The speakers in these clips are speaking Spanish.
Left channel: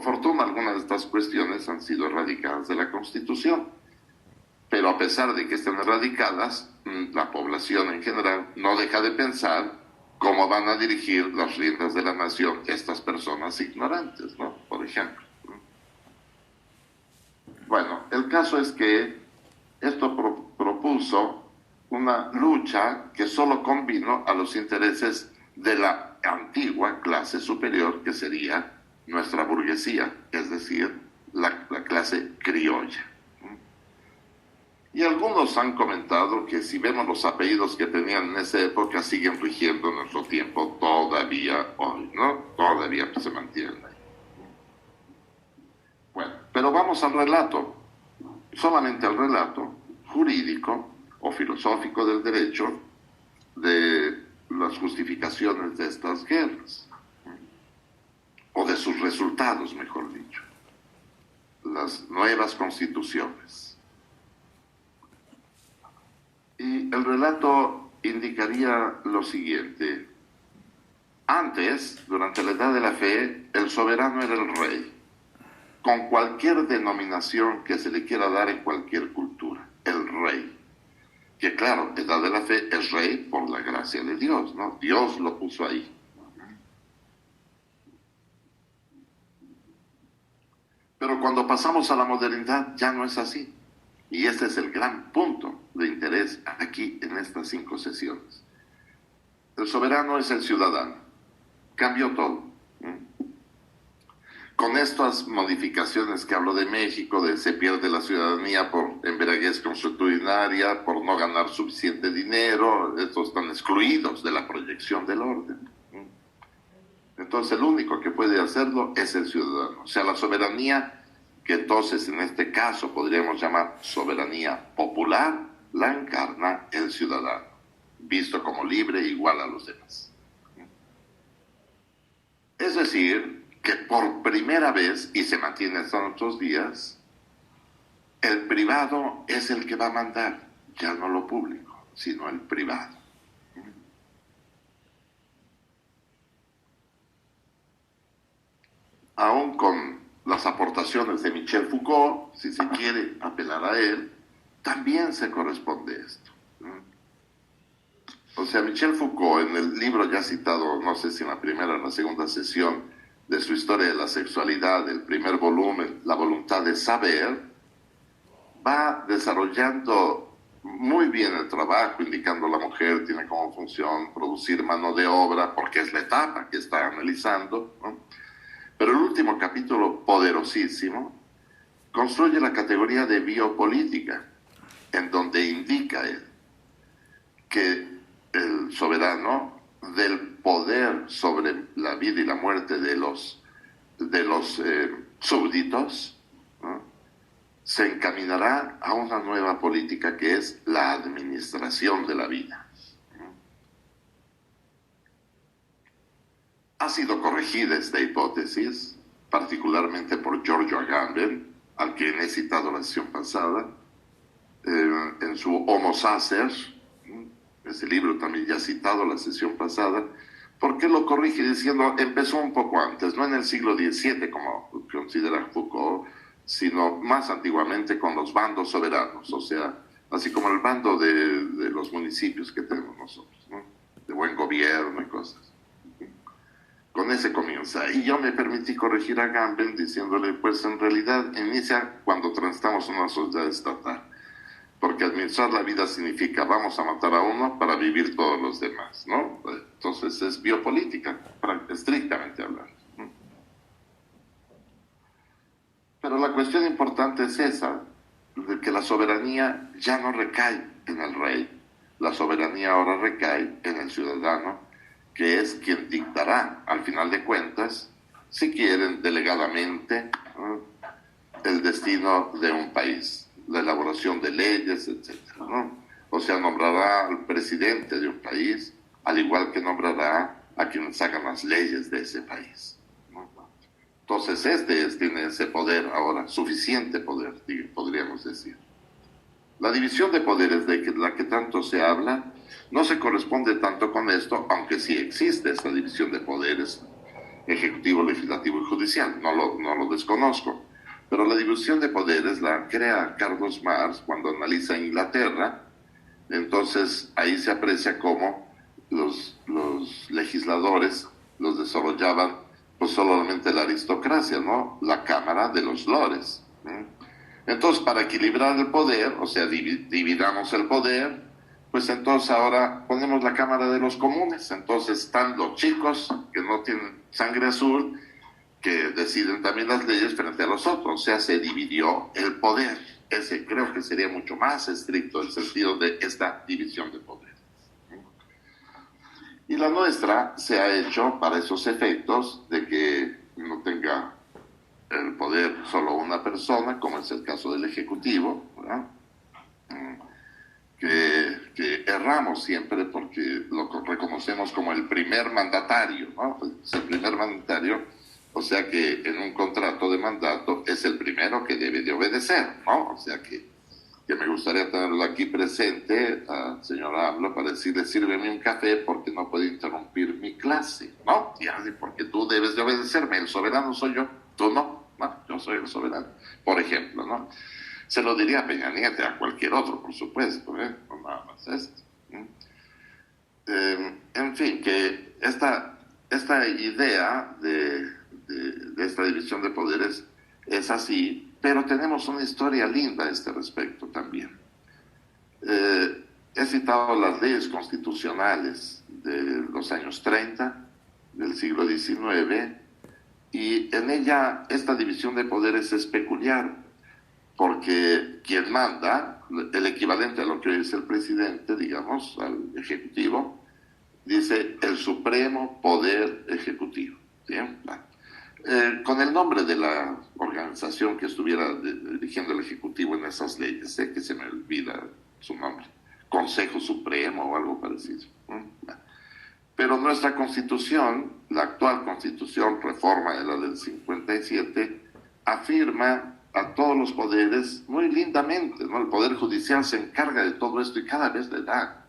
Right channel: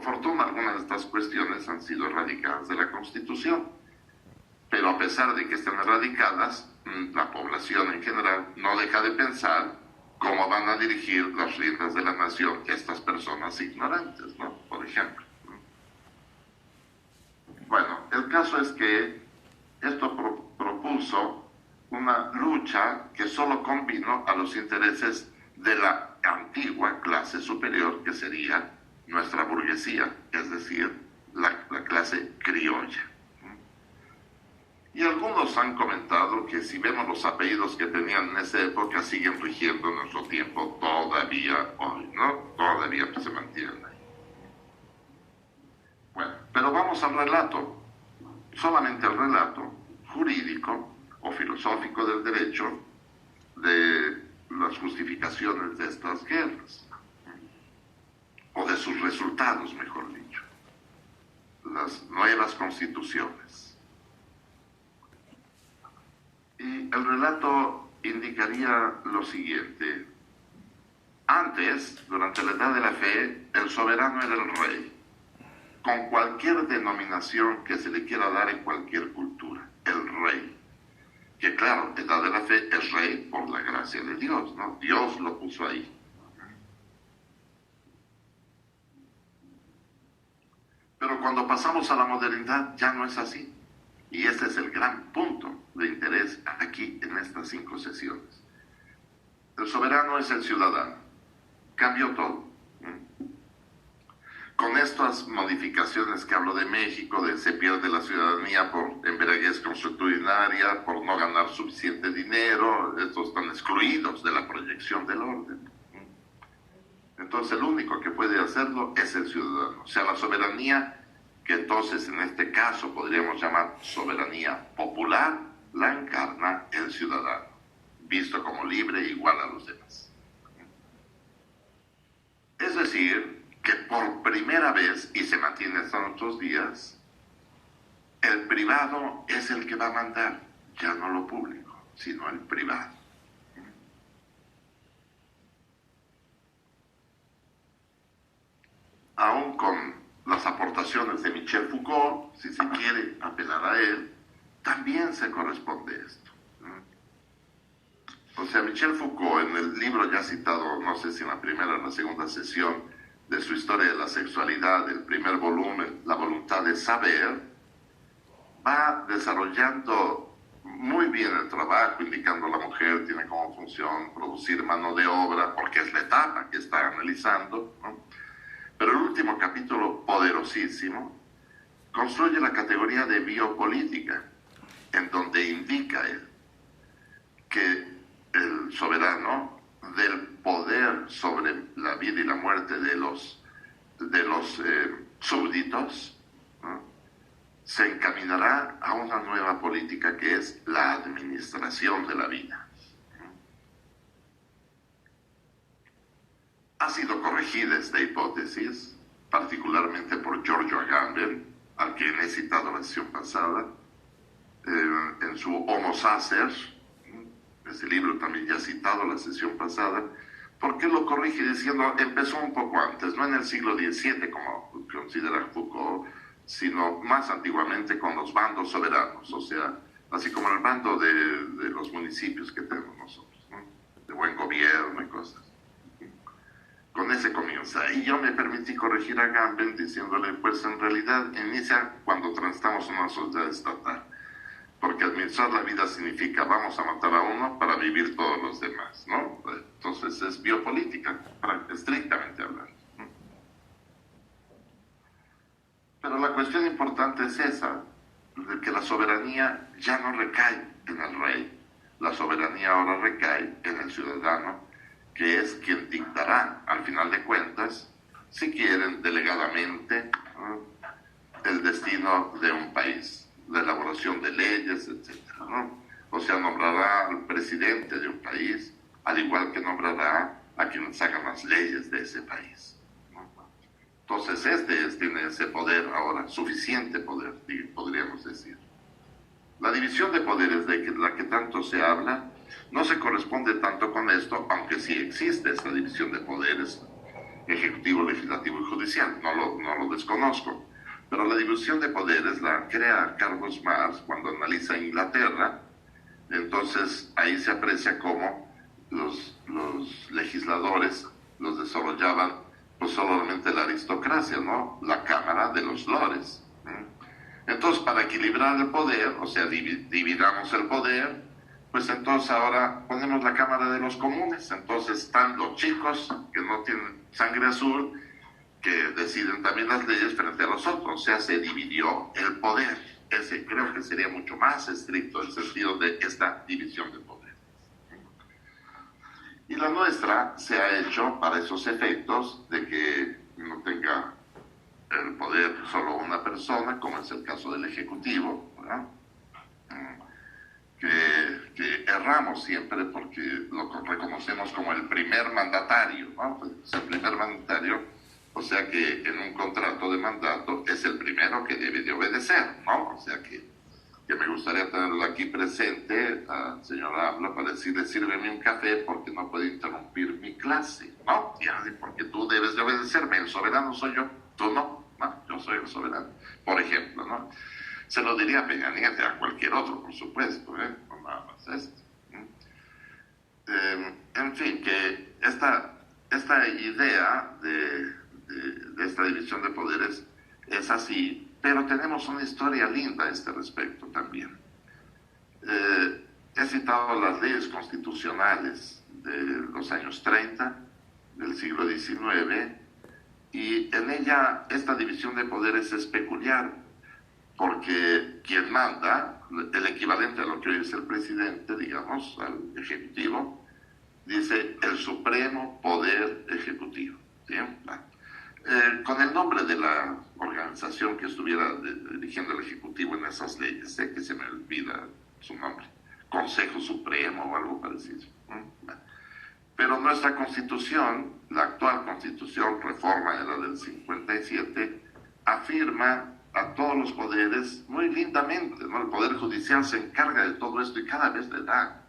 por fortuna algunas de estas cuestiones han sido erradicadas de la Constitución, pero a pesar de que estén erradicadas, la población en general no deja de pensar cómo van a dirigir las riendas de la nación estas personas ignorantes, ¿no? Por ejemplo. Bueno, el caso es que esto propuso una lucha que solo convino a los intereses de la antigua clase superior, que sería nuestra burguesía, es decir, la clase criolla. Y algunos han comentado que si vemos los apellidos que tenían en esa época, siguen rigiendo en nuestro tiempo todavía hoy, ¿no? Todavía se mantienen ahí. Bueno, pero vamos al relato, solamente al relato jurídico o filosófico del derecho de las justificaciones de estas guerras, o de sus resultados, mejor dicho, las nuevas constituciones. Y el relato indicaría lo siguiente: antes, durante la Edad de la Fe, el soberano era el rey, con cualquier denominación que se le quiera dar en cualquier cultura, el rey. Que claro, Edad de la Fe es rey por la gracia de Dios, ¿no? Dios lo puso ahí. Pero cuando pasamos a la modernidad ya no es así. Y ese es el gran punto de interés aquí en estas 5 sesiones. El soberano es el ciudadano. Cambió todo. Con estas modificaciones que hablo de México, de se pierde la ciudadanía por embriaguez consuetudinaria, por no ganar suficiente dinero, estos están excluidos de la proyección del orden. Entonces el único que puede hacerlo es el ciudadano. O sea, la soberanía, que entonces en este caso podríamos llamar soberanía popular, la encarna el ciudadano, visto como libre igual a los demás. Es decir, que por primera vez, y se mantiene hasta nuestros días, el privado es el que va a mandar, ya no lo público, sino el privado. Aún con las aportaciones de Michel Foucault, si se quiere apelar a él, también se corresponde esto. O sea, Michel Foucault, en el libro ya citado, no sé si en la primera o en la segunda sesión, de su historia de la sexualidad, el primer volumen, La voluntad de saber, va desarrollando muy bien el trabajo, indicando a la mujer tiene como función producir mano de obra, porque es la etapa que está analizando, ¿no? Pero el último capítulo, poderosísimo, construye la categoría de biopolítica, en donde indica él que el soberano del poder sobre la vida y la muerte de los súbditos, ¿no?, se encaminará a una nueva política que es la administración de la vida. Ha sido corregida esta hipótesis, particularmente por Giorgio Agamben, al quien he citado la sesión pasada, en su Homo Sacer, ese libro también ya citado la sesión pasada. ¿Por qué lo corrige diciendo empezó un poco antes, no en el siglo XVII como considera Foucault, sino más antiguamente con los bandos soberanos, o sea, así como el bando de los municipios que tenemos nosotros, ¿no?, de buen gobierno y cosas. Con ese comienza. Y yo me permití corregir a Agamben diciéndole, pues en realidad inicia cuando transitamos una sociedad estatal. Porque administrar la vida significa vamos a matar a uno para vivir todos los demás, ¿no? Entonces es biopolítica, estrictamente hablando. Pero la cuestión importante es esa, de que la soberanía ya no recae en el rey. La soberanía ahora recae en el ciudadano, que es quien dictará, al final de cuentas, si quieren delegadamente, el destino de un país, la elaboración de leyes, etc., ¿no? O sea, nombrará al presidente de un país, al igual que nombrará a quienes hagan las leyes de ese país, ¿no? Entonces tiene ese poder ahora, suficiente poder, podríamos decir. La división de poderes de la que tanto se habla no se corresponde tanto con esto, aunque sí existe esta división de poderes, ejecutivo, legislativo y judicial. No lo desconozco. Pero la división de poderes la crea Carlos Marx cuando analiza Inglaterra. Entonces ahí se aprecia cómo los legisladores los desarrollaban pues solamente la aristocracia, ¿no? La Cámara de los Lores. Entonces, para equilibrar el poder, o sea, dividamos el poder, pues entonces ahora ponemos la Cámara de los Comunes. Entonces están los chicos que no tienen sangre azul, que deciden también las leyes frente a los otros. O sea, se dividió el poder. Ese creo que sería mucho más estricto el sentido de esta división de poder. Y la nuestra se ha hecho para esos efectos de que no tenga el poder solo una persona, como es el caso del Ejecutivo, ¿verdad? Que erramos siempre porque lo reconocemos como el primer mandatario, ¿no? Es el primer mandatario, o sea que en un contrato de mandato es el primero que debe de obedecer, ¿no? O sea que me gustaría tenerlo aquí presente, al señor AMLO, para decirle, sírveme un café porque no puede interrumpir mi clase, ¿no? Porque tú debes de obedecerme, el soberano soy yo, tú no, yo soy el soberano, por ejemplo, ¿no? Se lo diría a Peña Nieto, a cualquier otro, por supuesto, no nada más esto. En fin, que esta idea de esta división de poderes es así, pero tenemos una historia linda a este respecto también. He citado las leyes constitucionales de los años 30, del siglo XIX, y en ella esta división de poderes es peculiar, porque quien manda, el equivalente a lo que hoy es el presidente, digamos, al ejecutivo, dice el supremo poder ejecutivo. ¿Sí? Con el nombre de la organización que estuviera dirigiendo el ejecutivo en esas leyes, sé que se me olvida su nombre, Consejo Supremo o algo parecido. Pero nuestra constitución, la actual constitución, reforma de la del 57, afirma a todos los poderes muy lindamente, ¿no? El Poder Judicial se encarga de todo esto y cada vez le da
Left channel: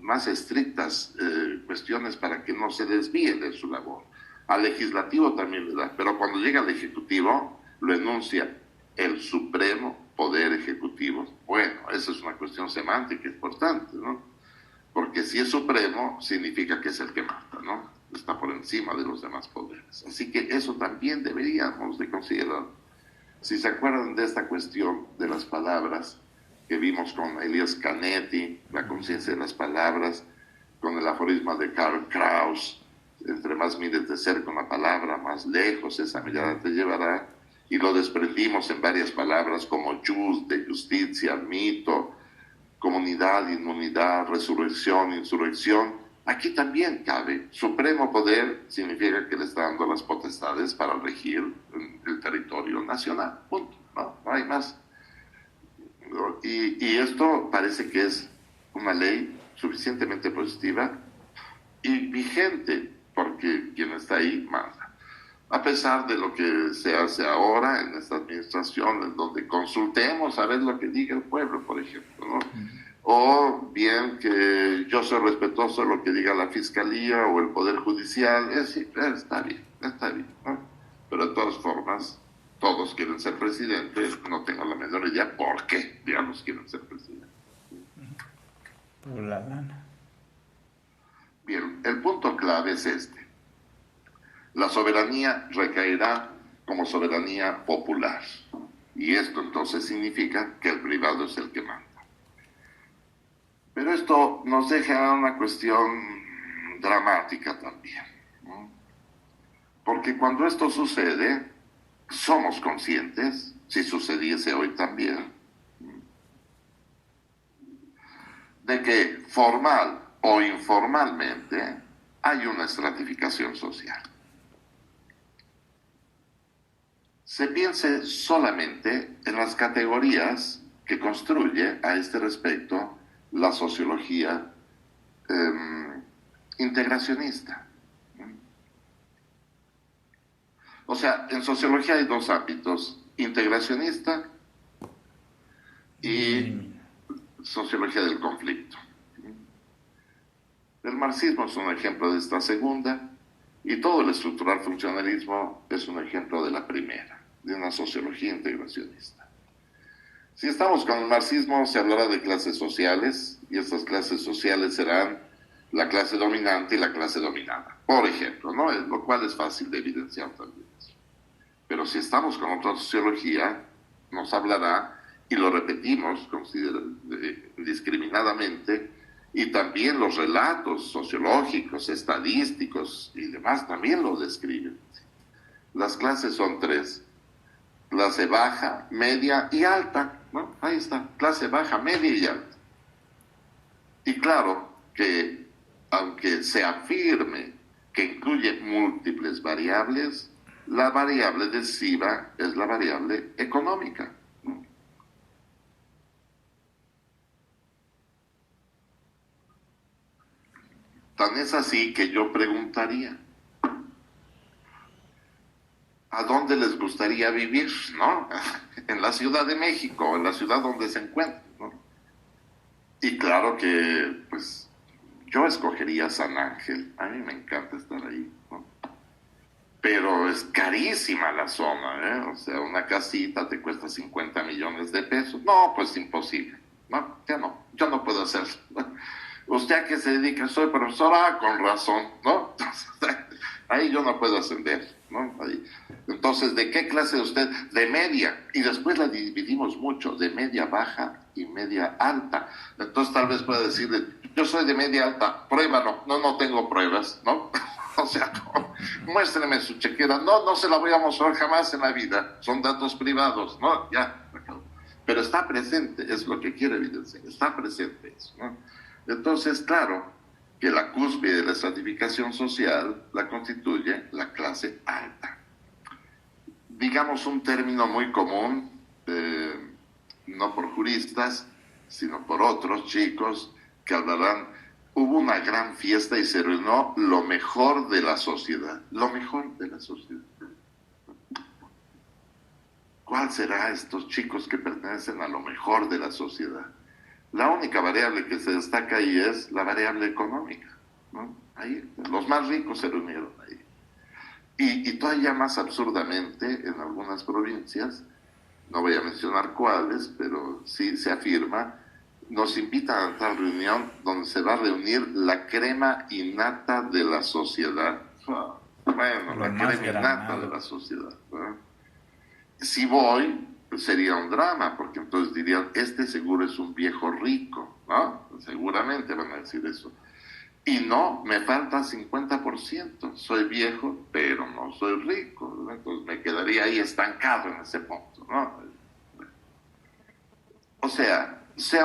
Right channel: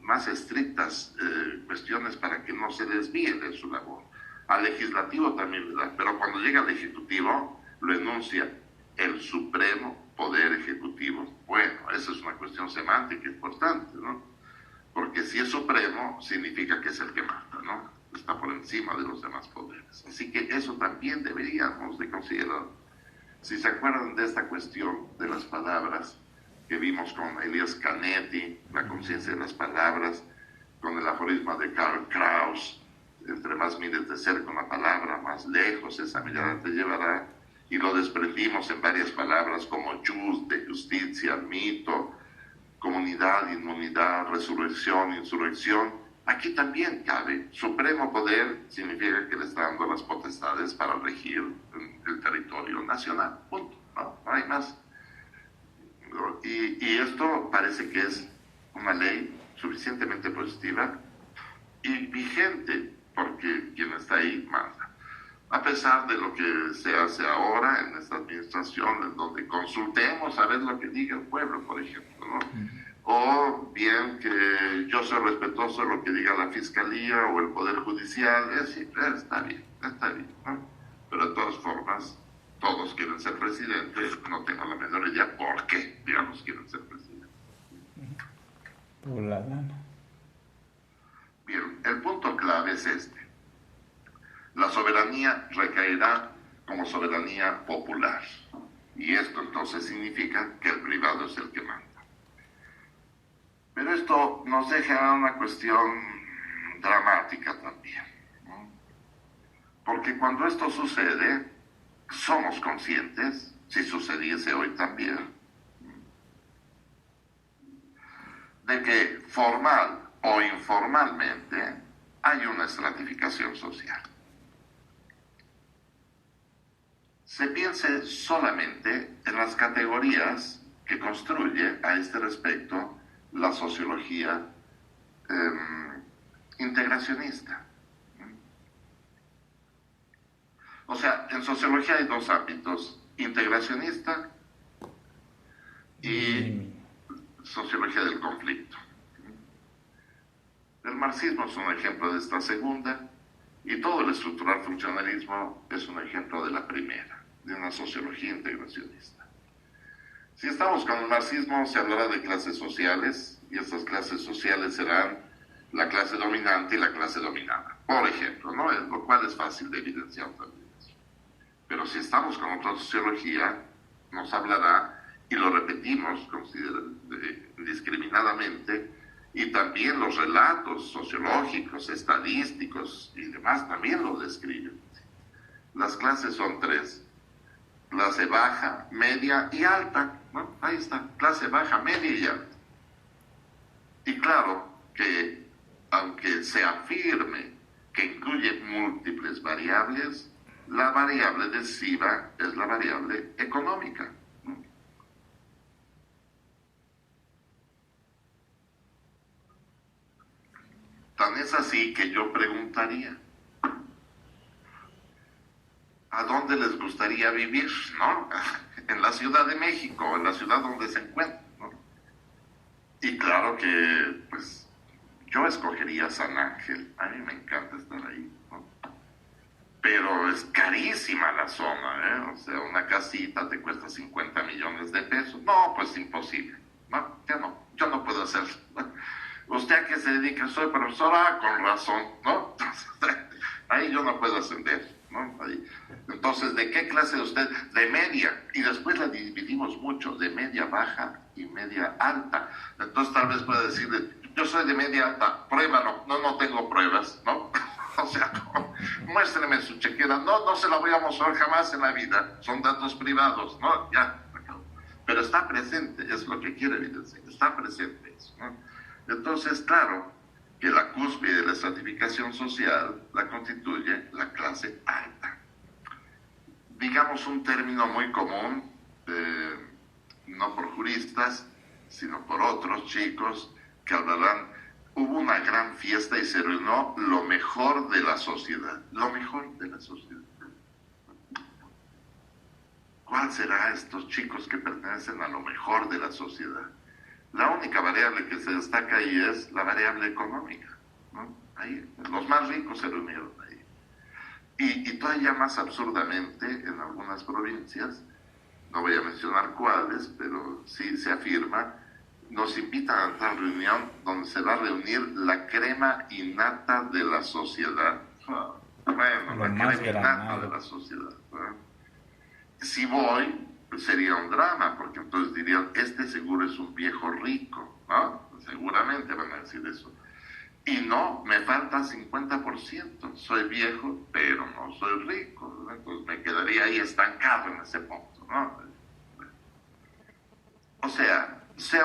más estrictas cuestiones para que no se desvíe de su labor. Al Legislativo también le da, pero cuando llega al Ejecutivo lo enuncia el Supremo Poder Ejecutivo. Bueno, esa es una cuestión semántica importante, ¿no? Porque si es supremo, significa que es el que manda, ¿no? Está por encima de los demás poderes. Así que eso también deberíamos de considerar. Si se acuerdan de esta cuestión de las palabras que vimos con Elias Canetti, la conciencia de las palabras, con el aforisma de Karl Kraus, entre más mides de cerca una palabra, más lejos esa mirada te llevará, y lo desprendimos en varias palabras como just, de justicia, mito, comunidad, inmunidad, resurrección, insurrección. Aquí también cabe. Supremo poder significa que le está dando las potestades para regir el territorio nacional. Punto. No hay más. Y esto parece que es una ley suficientemente positiva y vigente, porque quien está ahí manda. A pesar de lo que se hace ahora en esta administración, en donde consultemos a ver lo que diga el pueblo, por ejemplo, ¿no? O bien que yo soy respetuoso de lo que diga la Fiscalía o el Poder Judicial, está bien, ¿no? Pero de todas formas, todos quieren ser presidentes, no tengo la menor idea por qué, digamos, quieren ser presidentes. Por la gana. Bien, el punto clave es este. La soberanía recaerá como soberanía popular. Y esto entonces significa que el privado es el que manda. Pero esto nos deja una cuestión dramática también, ¿no? Porque cuando esto sucede, somos conscientes, si sucediese hoy también, de que formal o informalmente hay una estratificación social. Se piense solamente en las categorías que construye a este respecto la sociología integracionista. O sea, en sociología hay dos ámbitos, integracionista y sociología del conflicto. El marxismo es un ejemplo de esta segunda, Y todo el estructural funcionalismo es un ejemplo de la primera, de una sociología integracionista. Si estamos con el marxismo, se hablará de clases sociales, y estas clases sociales serán la clase dominante y la clase dominada, por ejemplo, ¿no? Lo cual es fácil de evidenciar también. Pero si estamos con otra sociología, nos hablará, y lo repetimos discriminadamente, y también los relatos sociológicos, estadísticos y demás también lo describen. Las clases son tres: clase baja, media y alta, ¿no? Ahí está, clase baja, media y alta. Y claro que, aunque se afirme que incluye múltiples variables, la variable decisiva es la variable económica, ¿no? Tan es así que yo preguntaría, ¿a dónde les gustaría vivir, no? En la Ciudad de México, en la ciudad donde se encuentran, ¿no? Y claro que, pues, yo escogería San Ángel. A mí me encanta estar ahí, ¿no? Pero es carísima la zona, ¿eh? O sea, una casita te cuesta 50 millones de pesos. No, pues imposible. No, ya no puedo hacer. ¿Usted a qué se dedica? Soy profesora, con razón, ¿no? Ahí yo no puedo ascender, ¿no? Ahí. Entonces, ¿de qué clase de usted? De media. Y después la dividimos mucho, de media baja y media alta. Entonces tal vez pueda decirle, yo soy de media alta, pruébalo. No tengo pruebas, ¿no? O sea, no, muéstreme su chequera. No se la voy a mostrar jamás en la vida. Son datos privados, ¿no? Ya. Pero está presente, es lo que quiere evidenciar. Está presente eso, ¿no? Entonces, claro, que la cúspide de la estratificación social la constituye la clase alta. Digamos un término muy común, no por juristas, sino por otros chicos que hablarán, hubo una gran fiesta y se reunió lo mejor de la sociedad. Lo mejor de la sociedad. ¿Cuál será estos chicos que pertenecen a lo mejor de la sociedad? La única variable que se destaca ahí es la variable económica, ¿no? Ahí, los más ricos se reunieron ahí. Y todavía más absurdamente, en algunas provincias, no voy a mencionar cuáles, pero sí se afirma, nos invitan a tal reunión donde se va a reunir la crema innata de la sociedad. Bueno, la crema innata de la sociedad, ¿no? Si voy, pues sería un drama, porque entonces dirían, este seguro es un viejo rico, ¿no? Seguramente van a decir eso. Y no, me falta 50%. Soy viejo, pero no soy rico, ¿no? Entonces me quedaría ahí estancado en ese punto, ¿no? O sea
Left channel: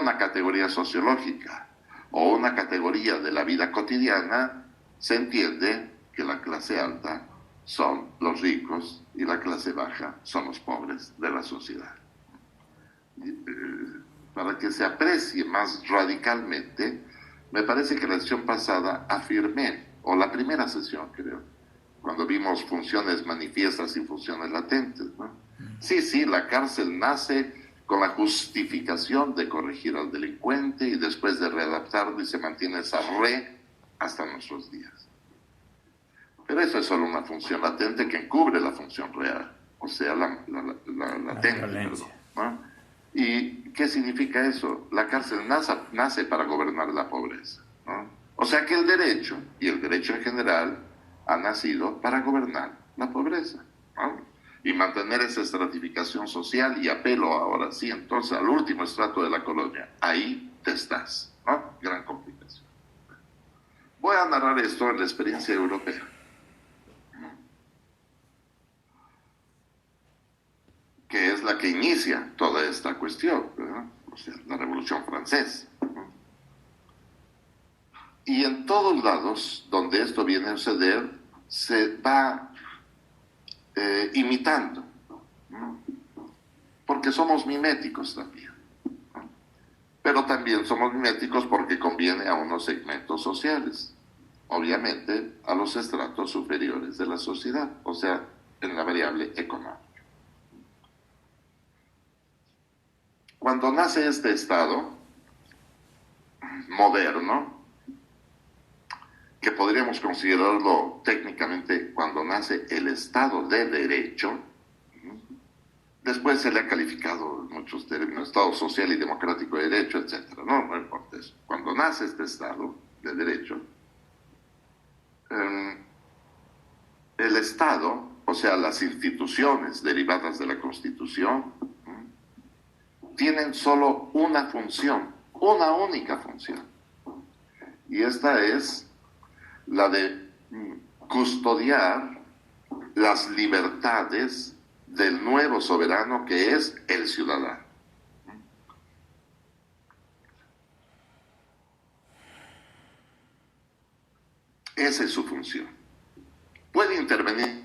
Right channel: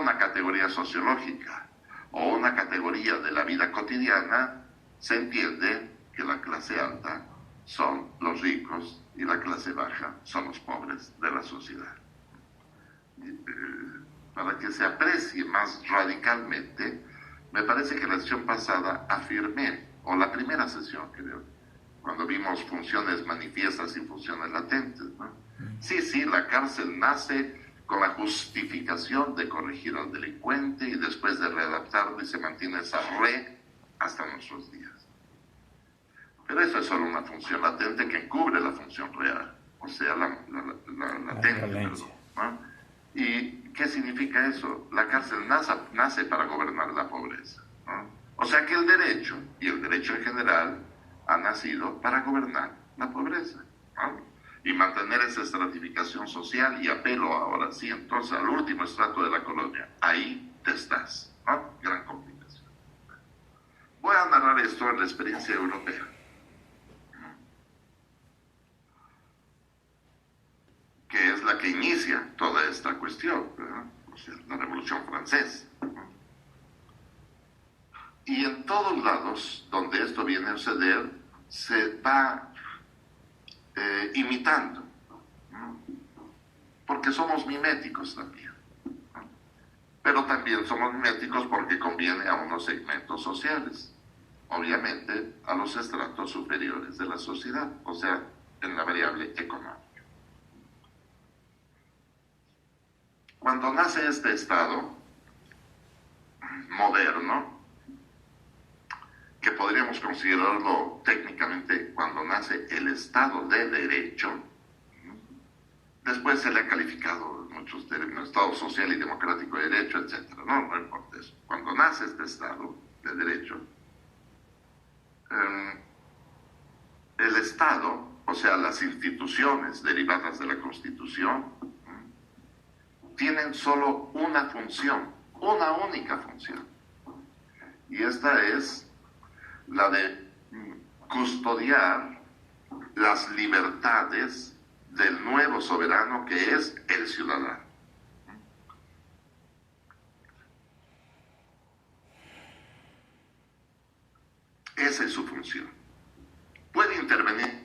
una categoría sociológica o una categoría de la vida cotidiana, se entiende que la clase alta son los ricos y la clase baja son los pobres de la sociedad. Para que se aprecie más radicalmente, me parece que la sesión pasada afirmé, o la primera sesión creo, cuando vimos funciones manifiestas y funciones latentes, ¿no? Sí, la cárcel nace con la justificación de corregir al delincuente y después de readaptarlo, y se mantiene esa hasta nuestros días. Pero eso es solo una función latente que encubre la función real, o sea, la latente, perdón, ¿no? ¿Y qué significa eso? La cárcel nace para gobernar la pobreza, ¿no? O sea que el derecho, y el derecho en general, ha nacido para gobernar la pobreza, ¿no? Y mantener esa estratificación social, y apelo ahora sí entonces al último estrato de la colonia. Ahí te estás, ¿no? Gran complicación. Voy a narrar esto en la experiencia europea, que es la que inicia toda esta cuestión, ¿verdad? O sea, la Revolución Francesa, ¿no? Y en todos lados donde esto viene a suceder, se va imitando, ¿no? Porque somos miméticos también, ¿no? Pero también somos miméticos porque conviene a unos segmentos sociales, obviamente a los estratos superiores de la sociedad, o sea, en la variable económica. Cuando nace este Estado moderno, que podríamos considerarlo técnicamente cuando nace el Estado de Derecho. Después se le ha calificado en muchos términos Estado social y democrático de derecho, etcétera. No importa eso. Cuando nace este Estado de Derecho, el Estado, o sea, las instituciones derivadas de la Constitución, tienen solo una función, una única función. Y esta es la de custodiar las libertades del nuevo soberano que es el ciudadano. Esa es su función. Puede intervenir